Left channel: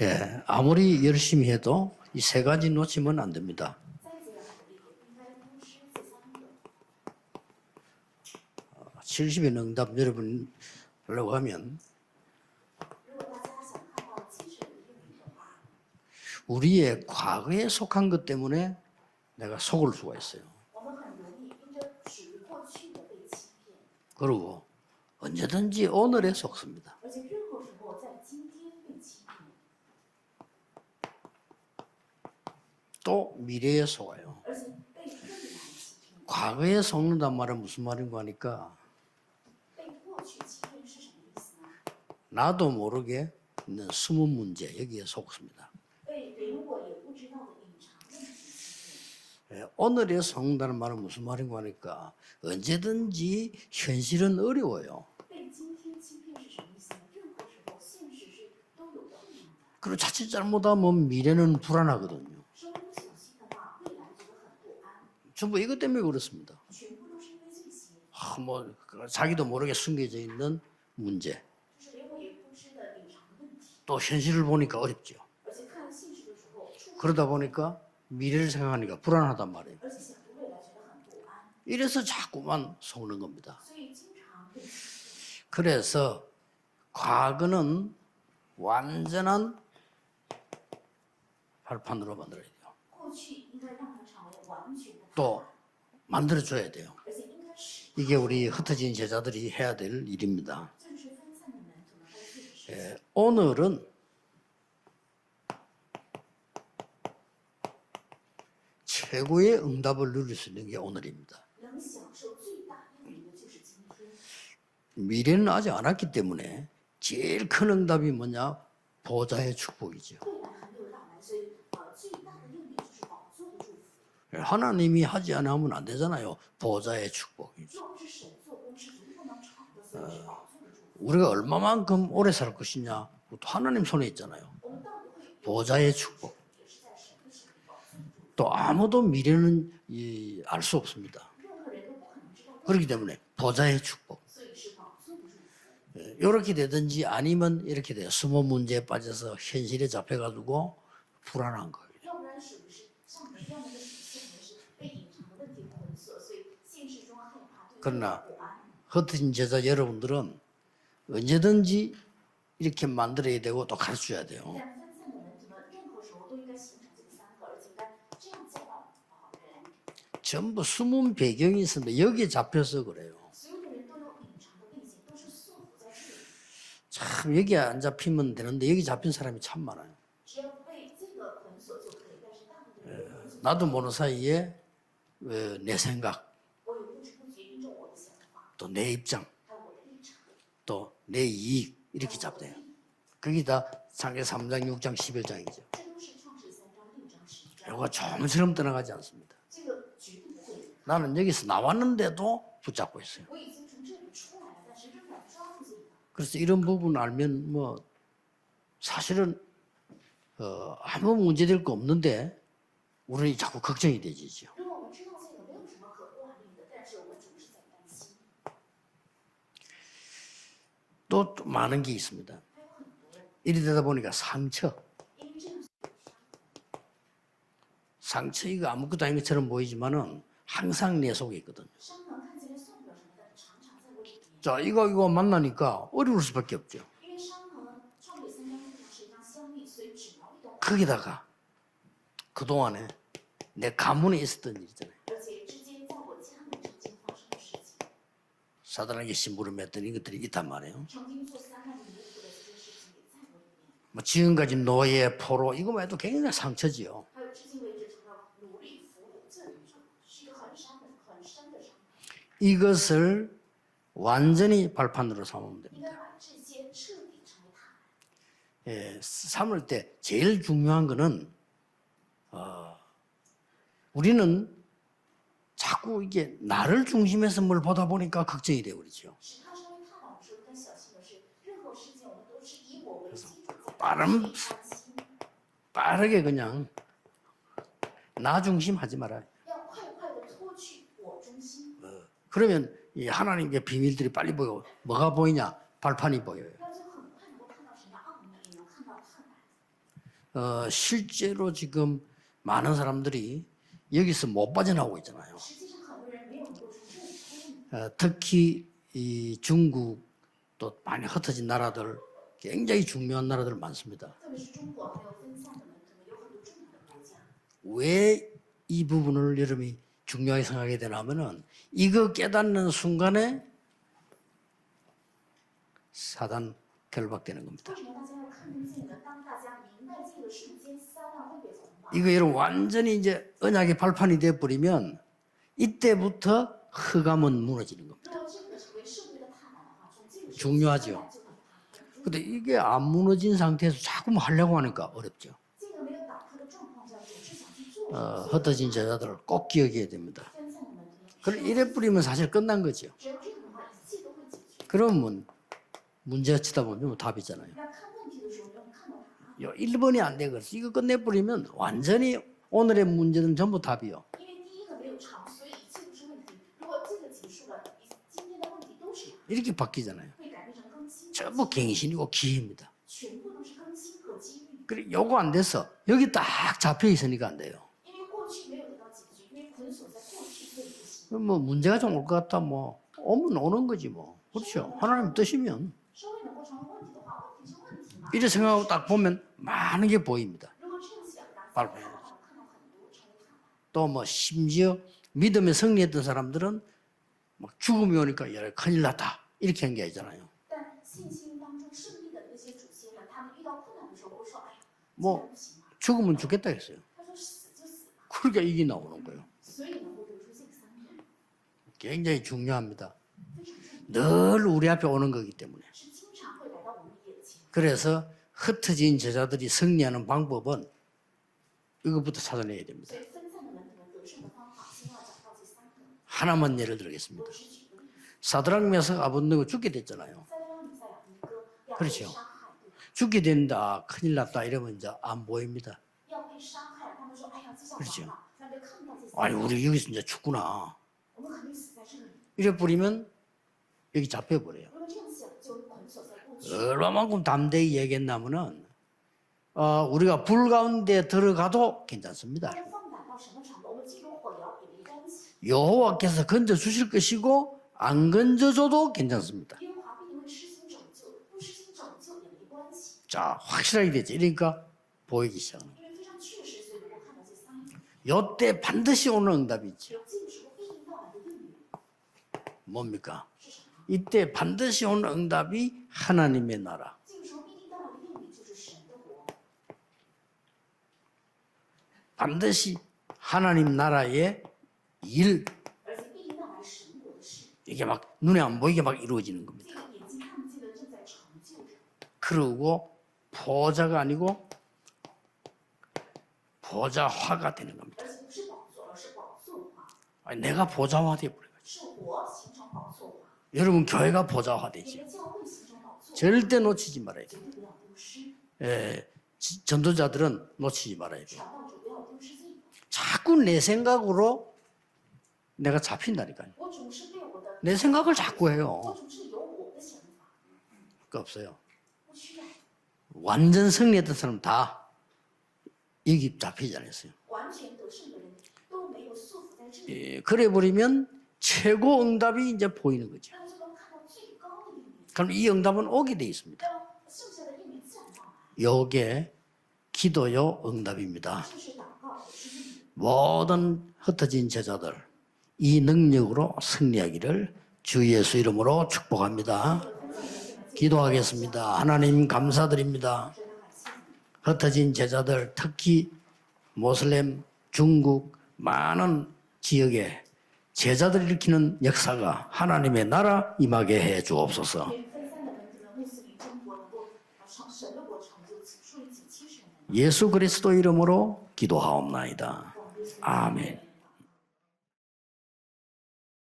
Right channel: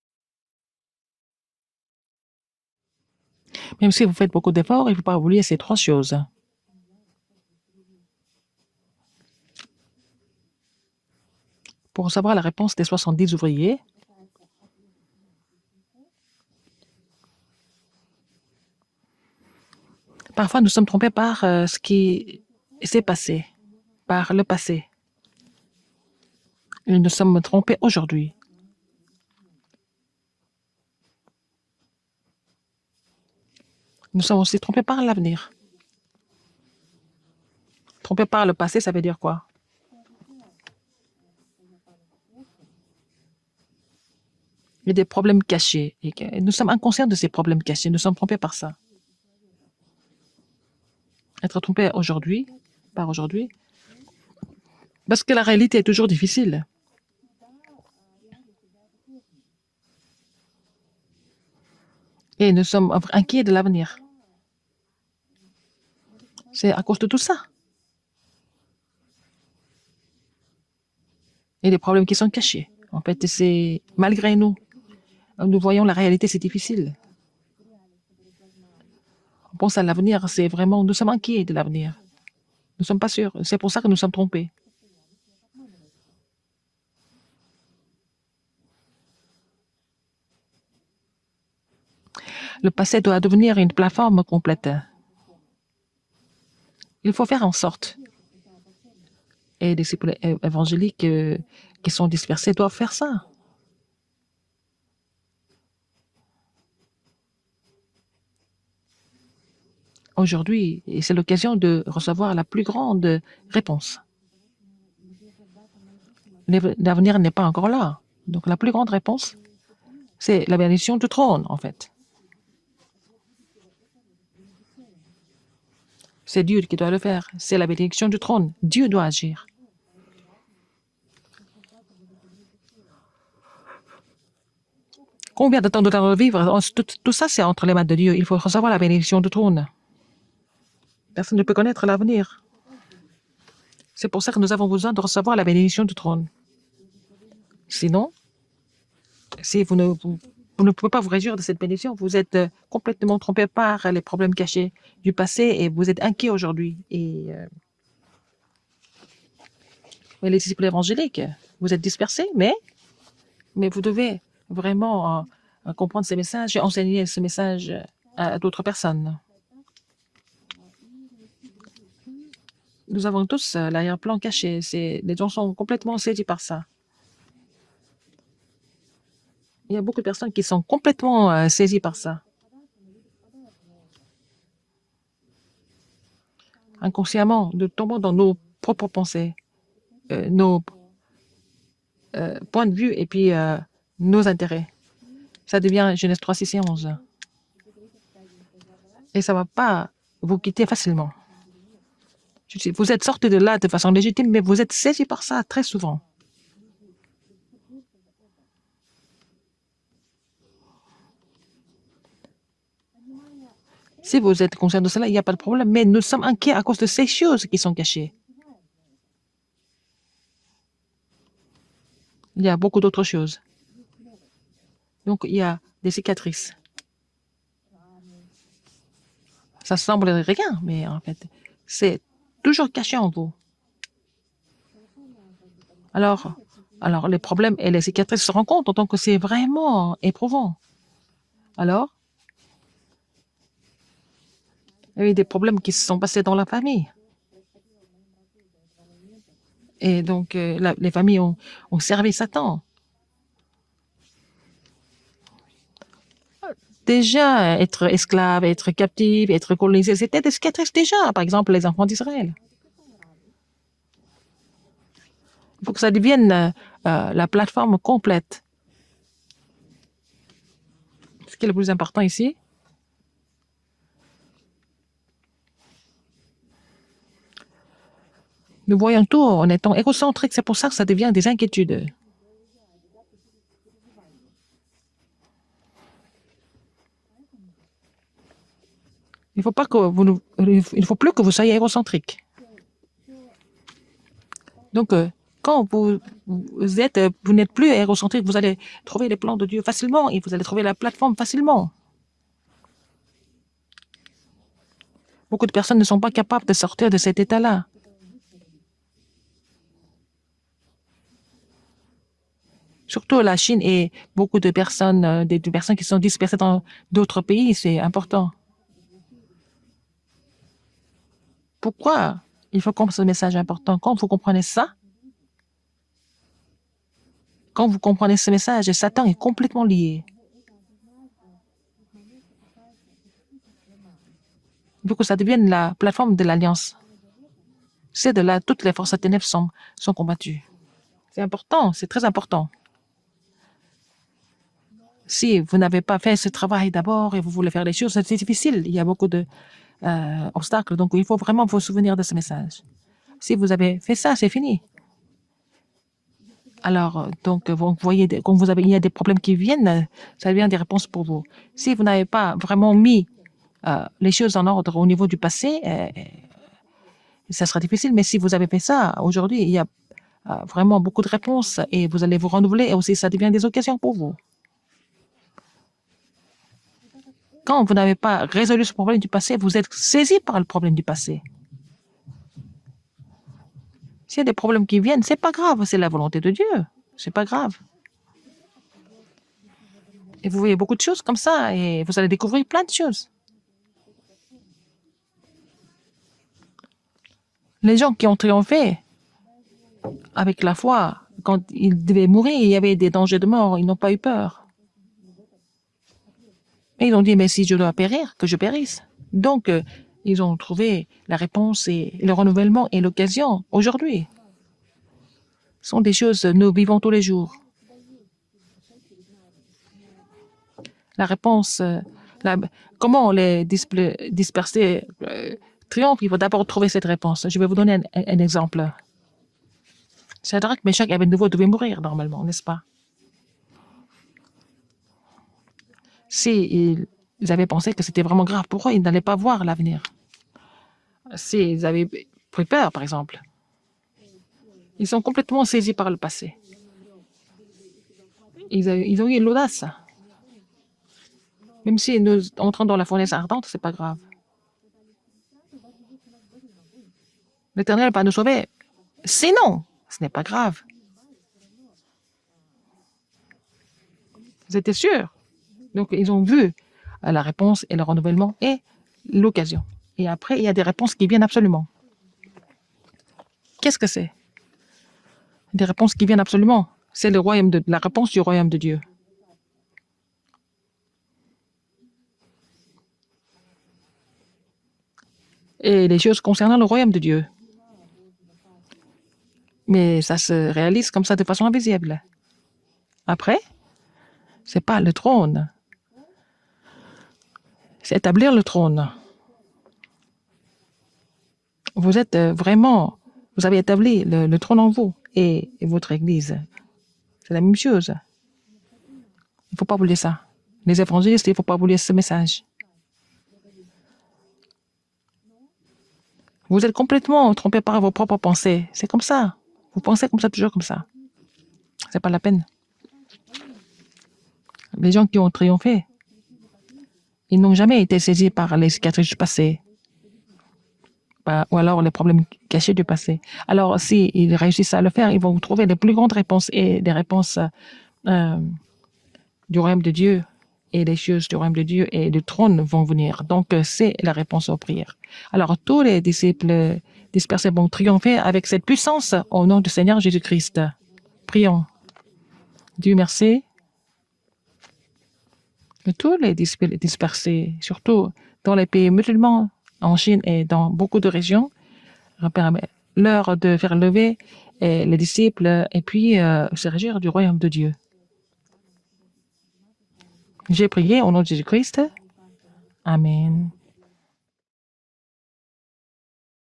예, 아무리 열심히 해도 이 세 가지 놓치면 안 됩니다. Même si vous faites beaucoup d'efforts, il ne faut pas oublier ces trois choses. 70의 응답 여러분 하려고 하면 Pour savoir la réponse des 70 ouvriers, 우리의 과거에 속한 것 때문에 내가 속을 수가 있어요. parfois nous sommes trompés par ce qui s'est passé, par le passé. 언제든지 오늘에 속습니다. Et nous sommes trompés aujourd'hui. 또 미래에 속아요. Nous sommes aussi trompés par l'avenir. 과거에 속는단 말은 무슨 말인가 Trompés par le 하니까 passé, ça veut dire quoi? 나도 모르게 있는 숨은 문제. Il y a des problèmes cachés. Et nous sommes inconscients de ces problèmes cachés. Nous sommes trompés par ça. 오늘에 속는다는 말은 무슨 말인가 Être trompé 하니까 aujourd'hui, par aujourd'hui, 언제든지 현실은 어려워요. parce que la réalité est toujours difficile. 그리고 자칫 잘못하면 미래는 불안하거든요. Et nous sommes inquiets de l'avenir. 전부 이것 때문에 그렇습니다. C'est à cause de tout ça. 뭐 자기도 모르게 숨겨져 있는 문제. Et des problèmes qui sont cachés. En fait, c'est 또 malgré 현실을 nous. 보니까 어렵죠. Nous voyons la réalité, c'est difficile. 그러다 보니까 미래를 생각하니까 불안하단 말이에요. Pense à l'avenir, c'est vraiment, nous sommes inquiets de l'avenir. 이래서 자꾸만 Nous ne sommes pas sûrs. C'est pour ça que nous sommes trompés. 그래서 과거는 완전한 발판으로 Le passé doit devenir une plateforme complète. 또 만들어줘야 돼요. Il faut faire en sorte. 이게 우리 흩어진 제자들이 Et 해야 les 될 disciples 일입니다. évangéliques qui sont dispersés doivent faire ça. 오늘은 최고의 응답을 누릴 수 Aujourd'hui, 있게 오늘 c'est l'occasion de recevoir la plus grande réponse. 미래는 아직 안 왔기 때문에 L'avenir n'est pas 제일 encore 큰 là. 응답이 Donc, 뭐냐? la plus grande réponse, 보좌의 축복이죠. c'est la bénédiction du trône, en fait. 하나님이 하지 않으면 안 되잖아요. C'est Dieu qui doit le 보좌의 faire. 축복. C'est la bénédiction du trône. Dieu doit agir. 우리가 얼마만큼 오래 살 것이냐, 그것도 하나님 손에 있잖아요. Combien de temps nous allons vivre? Tout ça, c'est entre les mains de Dieu. Il faut 또 recevoir la 아무도 bénédiction du trône. 알 수 없습니다. Personne ne peut connaître l'avenir. 그렇기 때문에 보좌의 축복. C'est pour ça que nous avons besoin de recevoir la bénédiction du trône. 이렇게 되든지 아니면 이렇게 Sinon, 숨은 문제에 빠져서 Si vous 현실에 ne, 잡혀가지고 vous ne pouvez pas vous réjouir de cette bénédiction, vous êtes complètement trompé par les problèmes cachés du passé et vous êtes inquiet aujourd'hui. 그러나 흩어진 제자 여러분들은 Et les disciples évangéliques, vous êtes dispersés, mais 이렇게 만들어야 되고 또 vous devez 가르쳐야 돼요. vraiment comprendre ces messages et enseigner ce message à d'autres personnes. 전부 숨은 배경이 있습니다. 여기에 잡혀서 그래요. Nous avons tous l'arrière-plan caché. Les gens sont complètement saisis par ça. 참 여기 안 잡히면 되는데 여기 잡힌 사람이 참 Il y a 많아요. beaucoup de personnes qui sont complètement saisies par ça. 나도 모르는 사이에 내 생각, Inconsciemment, nous tombons dans nos propres pensées, nos 또 내 이익 이렇게 잡네. points de vue et puis 그게 다 nos 사장 intérêts. 3장 6장 11장입니다. Ça devient Genèse 3, 6 et 11. 이거 좀처럼 떠나가지 않습니다. Et ça ne va pas vous quitter facilement. 나는 여기서 나왔는데도 Vous êtes sortis de là de façon légitime, mais vous êtes saisis par ça très souvent. 그래서 이런 부분 알면 뭐 사실은 아무 문제될 거 없는데 우리는 자꾸 걱정이 돼요. Si vous êtes conscient de cela, il n'y a pas de problème, mais nous sommes inquiets à cause de ces choses qui sont cachées. 또 많은 게 있습니다. Il y a beaucoup d'autres choses. 이리 되다 보니까 상처. Donc, il y a des cicatrices. 상처 이거 아무것도 아닌 것처럼 Ça semble 보이지만 rien, mais 항상 내 속에 있거든. c'est toujours caché en vous. 자, 이거 만나니까 Alors, 어려울 수밖에 없죠. alors, les problèmes et les cicatrices se rencontrent, donc c'est vraiment éprouvant. 거기다가 Alors, 그동안에 내 가문에 있었던 일 있잖아요. il y a eu des problèmes qui se sont passés dans la famille. 사단에게 심부름했던 Et 일들이 donc, 있단 말이에요. les familles ont servi Satan. 뭐 지금까지 노예, 포로 이거만 해도 굉장히 상처지요. Déjà, être esclave, être captive, être colonisé, c'était des cicatrices déjà. Par exemple, les enfants d'Israël. 이것을 완전히 발판으로 삼으면 Il faut que ça devienne la plateforme complète. 삼을 때 제일 중요한 거는 Ce qui est le plus important ici, 우리는 자꾸 이게 나를 중심에서 뭘 보다 보니까 걱정이 돼요. nous voyons tout en étant égocentriques. C'est pour ça que ça devient des inquiétudes. 빠르게 그냥 나 중심 하지 말아요. Il ne faut plus que vous soyez égocentriques. 그러면 이 하나님의 비밀들이 빨리 보여. Donc, 뭐가 보이냐? quand 발판이 보여. vous n'êtes plus égocentrique, vous allez trouver les plans de Dieu facilement et vous allez trouver la plateforme 실제로 facilement. 지금 많은 사람들이 여기서 못 빠져나오고 있잖아요. Beaucoup de personnes ne sont pas capables de sortir de cet état-là. 특히 이 중국 또 많이 흩어진 나라들 굉장히 Surtout 중요한 la 나라들 Chine et 많습니다. beaucoup de personnes, des personnes qui sont dispersées dans d'autres pays, c'est important. 이 부분을 여러분이 중요하게 생각하게 되냐면은 Pourquoi 이걸 il 깨닫는 faut comprendre ce message 순간에 important? Quand vous comprenez ça, 사단 결박되는 겁니다. quand vous comprenez ce message, Satan est complètement lié. 이거 여러분 완전히 이제 언약의 발판이 돼 버리면 Pour que ça devienne la plateforme de 이때부터 l'alliance, 흑암은 무너지는 겁니다. c'est de là toutes les forces à ténèbres sont combattues. 중요하죠. C'est important, c'est très 근데 important. 이게 안 무너진 상태에서 자꾸 하려고 하니까 어렵습니다. Si vous n'avez pas fait ce travail d'abord et vous voulez faire les choses, c'est difficile. Il y a beaucoup 꼭 기억해야 돼요. d'obstacles. Donc, il faut vraiment vous 이래 souvenir 버리면 de ce 사실 끝난 message. 거죠. Si vous avez fait ça, c'est fini. 그러면 문제가 치다 보면 Alors, 답이잖아요. donc, vous voyez, quand il y a des problèmes qui viennent, 이번이 안 ça devient des 되면 réponses 이거 pour vous. 끝내버리면 Si vous n'avez 완전히 pas vraiment 오늘의 mis 문제는 전부 답이요. les choses en ordre au niveau du passé, ça sera difficile. Mais si vous avez fait ça, aujourd'hui, il y a 바뀌잖아요. vraiment beaucoup de réponses et vous allez vous renouveler et aussi ça devient des occasions pour vous. 그래, 요거 안 됐어. 여기 딱 잡혀 있으니까 안 돼. Quand vous n'avez pas résolu ce problème du passé, vous êtes saisi par le problème du passé. 뭐 문제가 좀 올 것 같다 뭐 오면 오는 거지 뭐. S'il y a des problèmes qui viennent, c'est pas 뜻이죠. grave, c'est la volonté de Dieu. C'est pas grave. 이래 생각하고 딱 보면 많은 게 Et 보이고 vous voyez beaucoup de choses comme ça et vous allez découvrir plein de choses. 또 뭐 심지어 믿음에 승리했던 사람들은 막 Les gens qui ont 죽음이 오니까 triomphé 큰일 났다 이렇게 한 게 아니잖아요. avec la foi, quand ils devaient mourir, il y avait des dangers de mort, ils n'ont pas eu peur. 뭐 죽으면 죽겠다 했어요. Et ils ont dit, mais si je dois périr, que je 그게 여기 périsse. 나오는 거예요. Donc, ils ont trouvé la réponse et le renouvellement et l'occasion aujourd'hui. 늘 우리 앞에 오는 거기 때문에. Ce sont des choses que nous vivons tous les jours. 그래서 흩어진 제자들이 승리하는 방법은 La réponse, 이것부터 la- 찾아내야 됩니다. comment les disperser triomphe, il faut d'abord trouver cette réponse. Je vais vous donner un exemple. 사드락 메삭 아벤노고 죽게 됐잖아요. Shadrach, Meshach et Abednego devaient mourir normalement, n'est-ce pas? 죽게 된다, 큰일 났다 이러면 이제 안 보입니다. Si ils avaient pensé que c'était vraiment grave pour eux, ils n'allaient pas voir 아니, 우리 l'avenir. 여기서 이제 죽구나. S'ils avaient pris peur, par exemple, 여기 잡혀버려요. ils sont complètement saisis par le passé. 얼마만큼 담대히 얘기했냐면은 Ils ont eu l'audace. 우리가 불 가운데 들어가도 Même si nous entrons dans la fournaise ardente, c'est pas grave. 여호와께서 건져 주실 것이고 L'Éternel va 안 nous sauver. 건져줘도 괜찮습니다. Sinon, ce n'est pas grave. 자, 확실하게 되지. 그러니까 Ils étaient sûrs. 보이기 시작. Donc, ils ont vu la réponse et le renouvellement 이때 et 반드시 오는 l'occasion. 응답이 있지. Et après, il y a des réponses qui viennent absolument. 뭡니까? Qu'est-ce que c'est? 이때 반드시 오는 응답이 Des réponses qui viennent 하나님의 absolument. 나라. C'est la réponse du royaume de Dieu. 반드시 하나님 나라의 일 Et les choses concernant le royaume de Dieu. 이게 막 눈에 안 보이게 막 이루어지는 겁니다. Mais ça se réalise comme ça de façon invisible. 그러고 Après, 보좌가 아니고 c'est pas le trône, 보좌화가 되는 겁니다. c'est établir le trône. 아니, 내가 보좌화 돼 버려. Vous êtes vraiment, vous avez établi le trône en vous et votre église. 절대 놓치지 말아요. C'est la même chose. 예, Il ne faut pas oublier ça. 전도자들은 Les 놓치지 말아요. évangélistes, il ne faut pas oublier ce message. 자꾸 내 생각으로 내가 잡힌다니까요. Vous êtes complètement trompé par Mais vos c'est propres encore pensées. 자꾸예요. C'est comme ça. Vous pensez comme ça, toujours comme ça. 그거 없어요. C'est pas la peine. 완전 승리했던 사람 다 Les gens qui ont triomphé, 여기 잡히지 않았어요. ils n'ont jamais été saisis par les cicatrices du passé 예, 그래 버리면 ou alors les 최고 problèmes 응답이 cachés 이제 du 보입니다. passé. Alors, s'ils réussissent à le faire, ils vont 그럼 이 trouver les 응답은 plus grandes 어떻게 réponses et des réponses 요게 du royaume de Dieu 기도요 et les choses du 응답입니다. royaume de Dieu et du trône vont venir. Donc, c'est la réponse aux prières. Alors, tous les disciples dispersés vont triompher avec cette puissance au nom du Seigneur Jésus-Christ. 기도하겠습니다. Prions. 하나님 Dieu 감사드립니다. merci. 흩어진 제자들 Et 특히 tous les dispersés, 모슬렘, surtout 중국, dans les pays 많은 musulmans, en 지역에 Chine et dans beaucoup de 제자들 régions, 지키는 역사가 permet 하나님의 leur 나라 de faire 임하게 lever 해 et 주옵소서. les disciples et puis se régir du royaume de Dieu. 예수 J'ai 그리스도 prié au nom 이름으로 de Jésus-Christ. 기도하옵나이다. Amen. 아멘.